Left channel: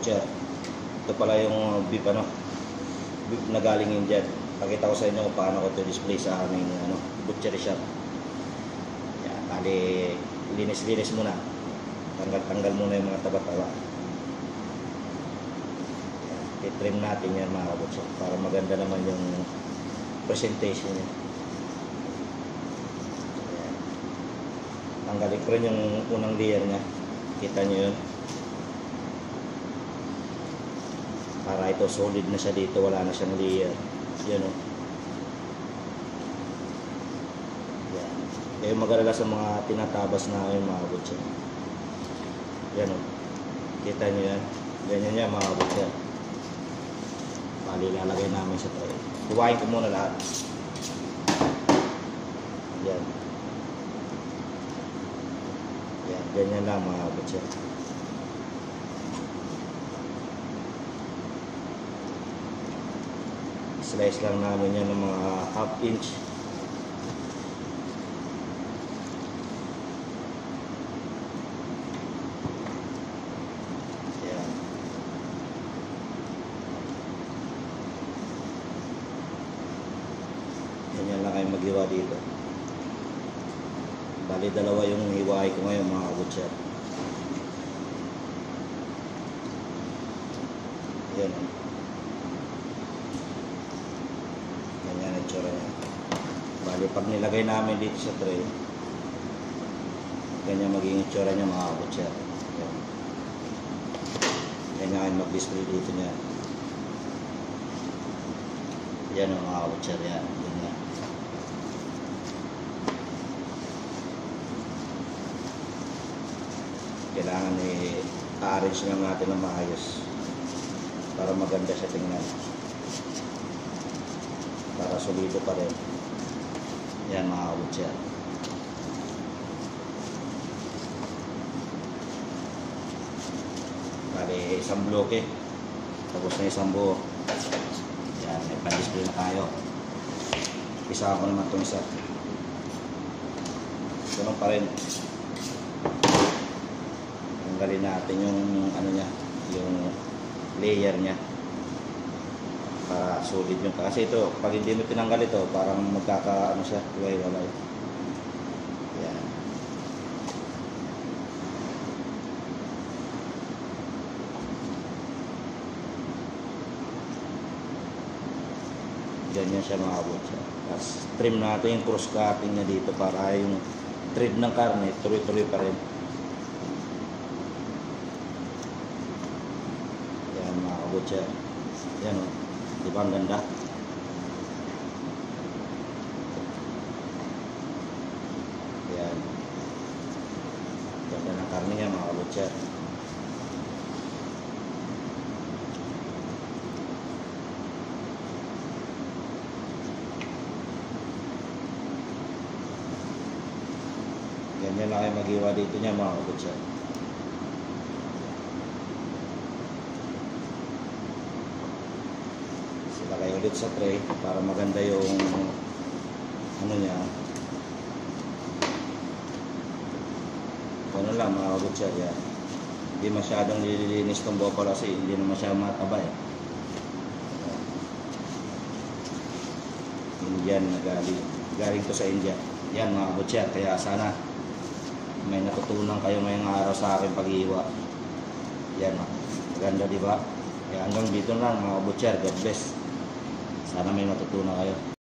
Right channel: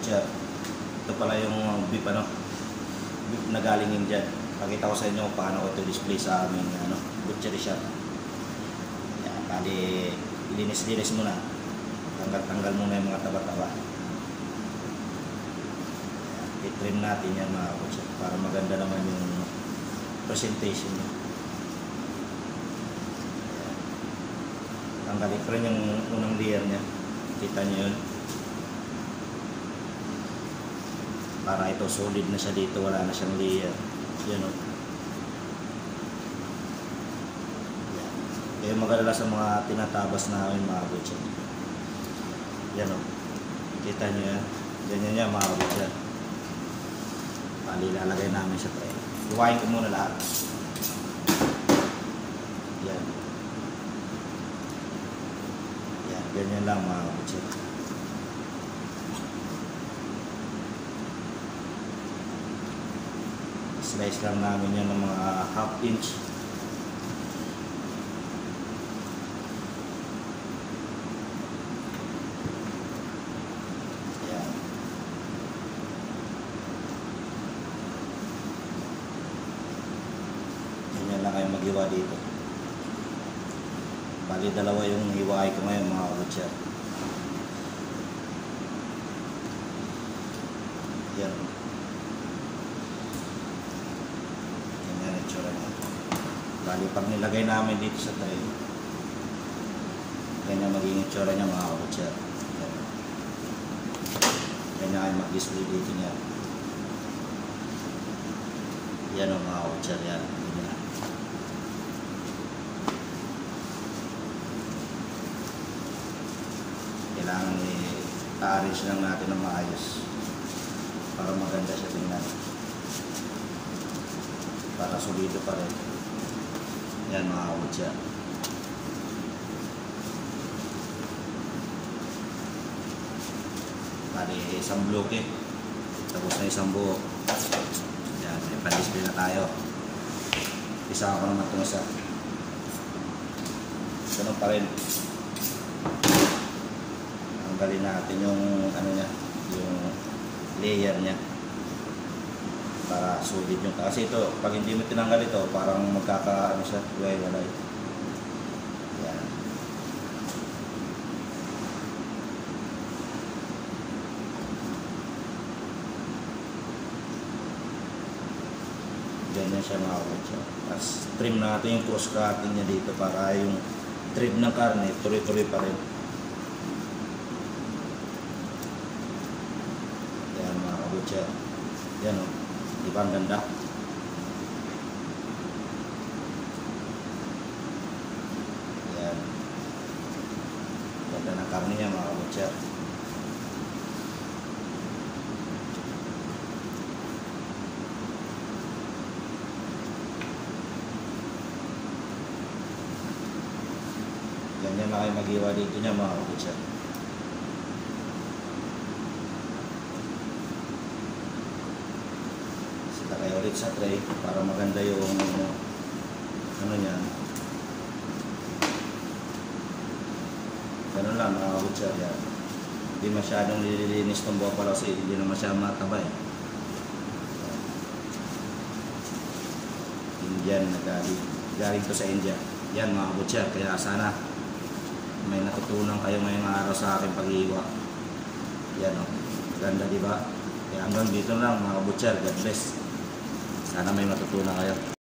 butcher. Ito pala yung beef beef na galing India. Pakita ko sa inyo kung paano ko ito display sa aming butchery shop. Yan, bali linis-linis muna. Tanggal muna yung mga taba-taba. I-trim natin yan mga butcher para maganda naman yung presentation niya. Tanggalin ko rin yung unang layer niya. Kita nyo yun. Para ito solid na siya dito, wala na siyang layer. Yun o. Yan. Eh mag-alala sa mga tinatabas na yung mga butcher. Yan o. Kita nyo yan. Ganyan niya mga butcher. Bali lalagay namin siya ito. Iwain ko muna lahat. Yan. Yan. Ganyan lang mga butcher. Slice lang namin yan ng mga half inch. Ayan. Ganyan lang kayo maghiwa dito. Bali dalawa yung hiwaay ko ngayon mga butcher. Ayan. Bali, pag nilagay namin dito sa tray, ganyan magiging itsura niya mga butcher. Ganyan kayo mag-display dito niya. Yan o mga butcher yan. Ganyan. Kailangan i-arrange lang natin ng maayos para maganda siya tingnan. Para solido pa rin. Yan mga butcher. Bali isang bloke. Tapos na isang buo. Yan, may pan-display na tayo. Isa ako naman itong isa. Ganun pa rin. Tanggalin natin yung niya, yung layer niya. Para solid yung kasi ito pag hindi mo tinanggal ito parang magkakaano siya walay. Yan. Ganyan siya mga butcher. Tapos trim natin yung cross cutting niya dito para yung thread ng karne tuloy-tuloy pa rin. Yan mga butcher. Yan o. Di ba ang ganda? Yan. Ganda ng karne niya mga butcher. Ganyan lang kayo mag-iwa dito niya mga butcher. Lagay ulit sa tray para maganda yung niya. Ano lang mga butcher yan. Hindi masyadong nililinis itong bopala kasi hindi naman siya matabay. Indian na galing to sa India. Yan mga butcher, kaya sana may natutunan kayo ngayong araw sa aking pag-iiwa. Yan o. Ganda diba? Kaya hanggang dito lang mga butcher. God bless. Sana may matutunan kayo.